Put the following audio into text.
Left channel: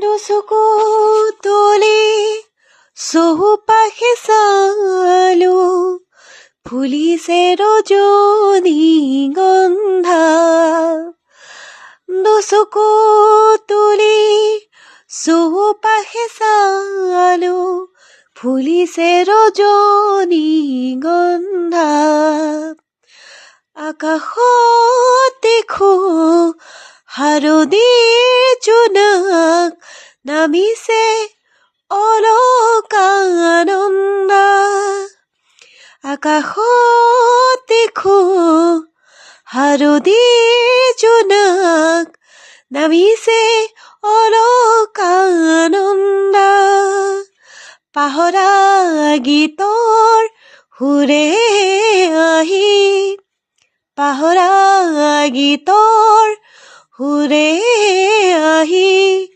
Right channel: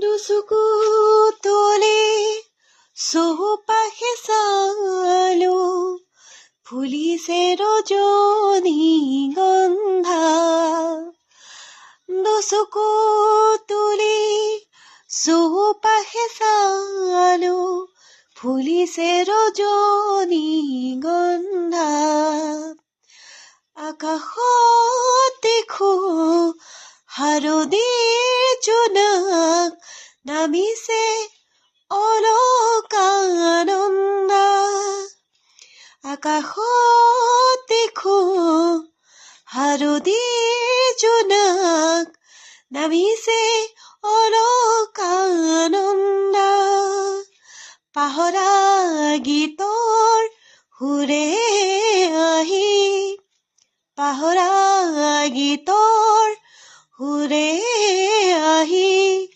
দুচকু তুলি চৌপাশে চালো, ফুলিছে ৰজনীগন্ধা। দুচকু তুলি চৌপাশে চালো, ফুলিছে ৰজনীগন্ধা। আকাশত দেখো হাৰদিৰ জোনাক, নামিছে অলকানন্দা। আকাশত দেখো হাৰদিৰ জোনাক, নামিছে অলকানন্দা। পাহৰা গীতৰ সুৰে আহি, পাহৰা গীতৰ সুৰে আহি